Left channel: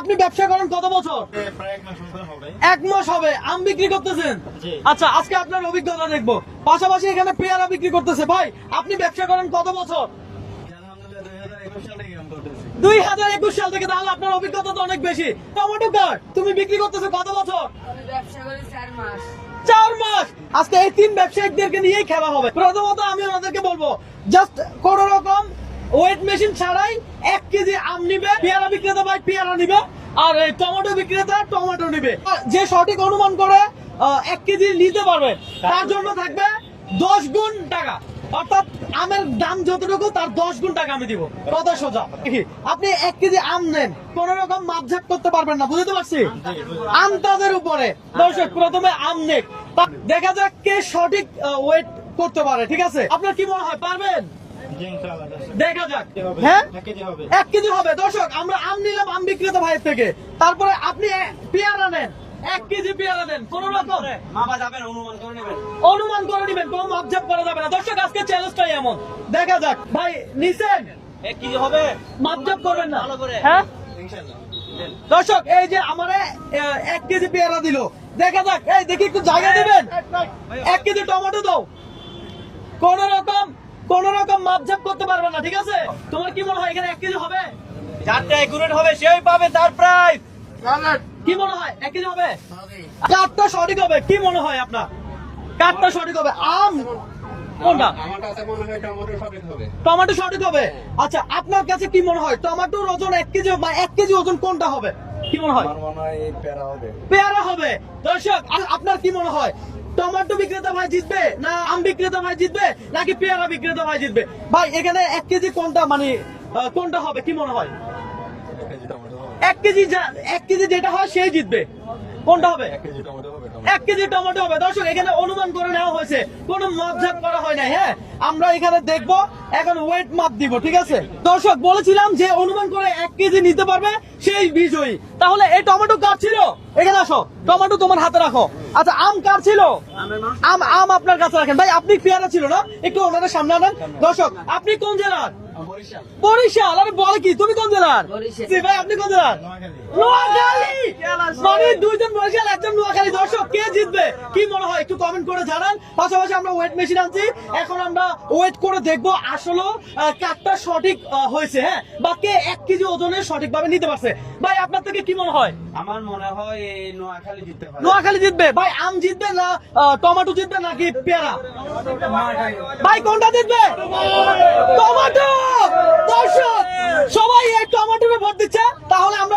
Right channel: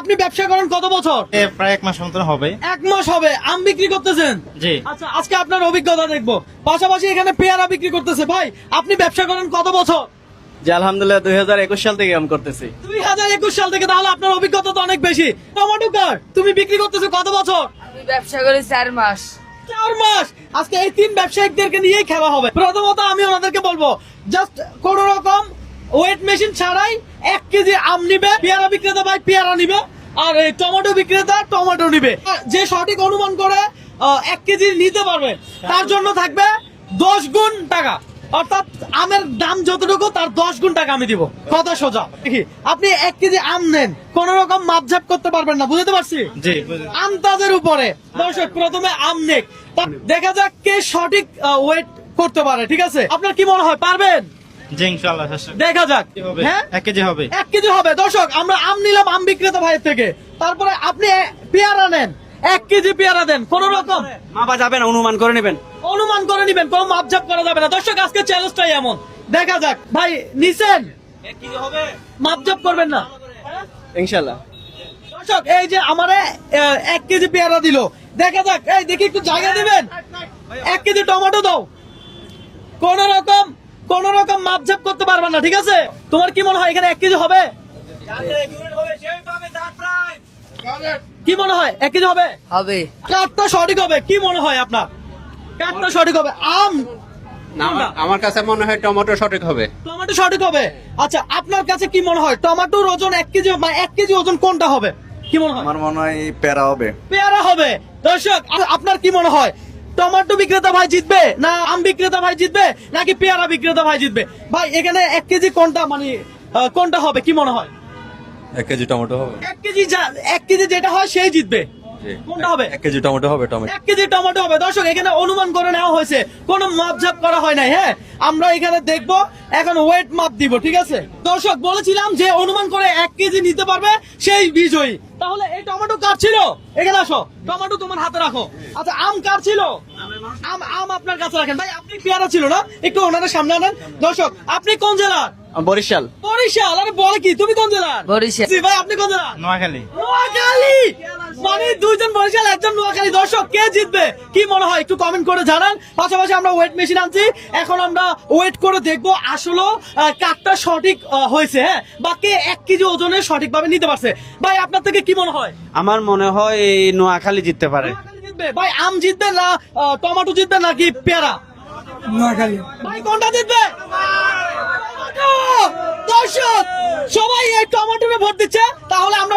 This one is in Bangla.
আপনি ব্যবসা করেন কত বছর? প্রায় 1 মাস মতন হবে। 1 মাস হবে আম বিক্রি করতেছেন? জি। আচ্ছা, আজকে আপনার অভিজ্ঞতা দেখবো। পাশাপাশি এখানে পেয়ারা বিক্রি করতেছে। ভাই, আপনি ব্যবসা করেন কত বছর? জি আলহামদুলিল্লাহ 2021 সাল থেকে আম করতেছি। 2021 সাল থেকে। তাহলে আপনার অভিজ্ঞতা তো অনেক বেশি। টমেটো কার তুমি বিক্রি করতেছো কত বছর? আমি ব্যবসা করি 4 মাস। 4 মাস। আজকে এই 3 ব্যবসায়িকদেরকে নিয়েই খেলা হবে। প্রথমত আমি ওনাদেরকে বলবো, জাস্ট কোন রকম ওয়েট মেশিন ছাড়াই 1 কেজি আম নিবে, পেয়ারা বিক্রেতা ভাই পেয়ারা নিবে, আর এই টমেটো বিক্রেতা টমেটো নিবে। যে সঠিক অনুমান করে 1 কেজি নিতে পারবে তার জন্য থাকবে 10 গুণ টাকা। অর্থাৎ আমের দাম যতটুকু তার 10 গুণ টাকা আমি দিব। কথা সোজা। আপনি 1 কেজি আম নেন, কোন রকম মাপঝাপ করতে পারবেন না, বুঝতে পারছি? জি। আন্দাজের উপরে। দর্শক, প্রথমে আম নেক, দেখা যাক কে সঠিক ওয়েট করতে পারে। ঠিক আছে, আপনার কি মনে হয় পারবেন? জি ইনশাআল্লাহ চেষ্টা দেখা যাক। হবে। হ্যাঁ, 1 কেজি হবে। 1 কেজি হবে। দর্শক, আমরা আম নিলাম আম বিক্রেতা ভাইয়ের থেকে, তারপরে আপনি পেয়ারা নেন, 1 কেজি পেয়ারা দেন। কোন রকম মাপা যাবে না, অনুমান করে নেবেন। অনুমান করে নিবেন, কোন মাপঝাপ করা যাবে না। দর্শক, আজকে চ্যালেঞ্জটাই এমন। দেখা যাক। ভাই নিছেন, 1 কেজি হবে, মাপঝাপ করবেন না? হ্যাঁ ইনশাআল্লাহ। দর্শক, এই যে আমারে 1 কেজি পেয়ারা দিল, দেখা যাক। এই দেখি একটু জায়গা দিবেন। 1 কেজি টমেটো দাও। কোন রকম মাপঝাপ করতে পারবেন না, ঠিক আছে? তোমার কি মনে হয় এখানে 1 কেজি হবে? যারটা একুরেট হবে সেই পাবে তার প্রাইস। কি মনে হয় 1 কেজি হবে? হবে। কাঠটা সঠিক হবে। কি মনে হয় আপনার? কাঠটা সঠিক হবে। আম কোনটা? আমার কাছে মনে হয় টমেটো সঠিক হবে। টমেটো সঠিক হবে। আচ্ছা, আপনার কাছে কি মনে হয় টমেটোর ওজন 1 কেজি, মানে 1 কেজি ওজন কোনটা হবে? কি মনে হয়? আমার মনে হয় প্যারা হবে। পেয়ারা হবে। দর্শক, আপনার কি মনে হয় টমেটো বিক্রেতা ভাই জিতবে, না আম বিক্রেতা ভাই জিতবে, নাকি পেয়ারা বিক্রেতা ভাই জিতবে? ভাই, এখানে 1 কেজি কোনটা, মানে কোনটা হবে কি মনে হয়? 1 কেজি টমেটো হবে। 1 কেজি যেটা হয় সেই জিতবে। কোনটা হবে? 1 কেজি টমেটো হবে। 1 কেজি টমেটো হবে। দর্শক, এখানে অনুমান করে নেওয়া হয়েছে, কোনো মাপঝাপ করা হয় নাই। হ্যাঁ, আমরা এখানে দেখবো, এখন ওয়েট মাপ দিব। ঠিক আছে দর্শক, বলেছিলাম যে অনুমান করে 1 কেজি নিতে পারবে সেই বিজয়ী। তাহলে এই টমেটো কার ছিল? এখানে আসো, টমেটো তোমার হাতে রাখো। আচ্ছা, আম কার ছিল? আম আপনার কাছে রাখেন। ভাই, আপনি পেয়ারা ছিল না, একটু ওনাদের সামনে আনেন। দর্শক, আপনি কোন জেলার? বরিশাল। বরিশাল। আরে বলে কি, তুমি কোন জেলার? বরিশাল। জি ভাই, আপনি কোন জেলার? নোয়াখালী। নোয়াখালী। মানে 2 জন বরিশাল, 1 জন নোয়াখালী। দর্শক, কে জিতবে কি মনে হয় একটু কমেন্ট করে জানান। পাশাপাশি আমরা ওয়েট মেশিন আনছি, এখন আমরা ওয়েট করে দেখবো আসলে কাঠটা সঠিক হয়েছে, হ্যাঁ, বা কে 1 কেজি ওজনে সঠিকভাবে নিতে পারছে। ভাই, আপনার থেকে কি মনে হয়? আমার মনে হয় এই নোয়াখালী জিততে পারে। নোয়াখালী জিতবে। ভাই, আম জিতবে না টমেটো জিতবে নাকি পেয়ারা? নোয়াখালী। ভাই, কোনটা জিতবে? টমেটো। দর্শক, সবাই এই টমেটোতে ভোট দিচ্ছে। তাহলে আমরা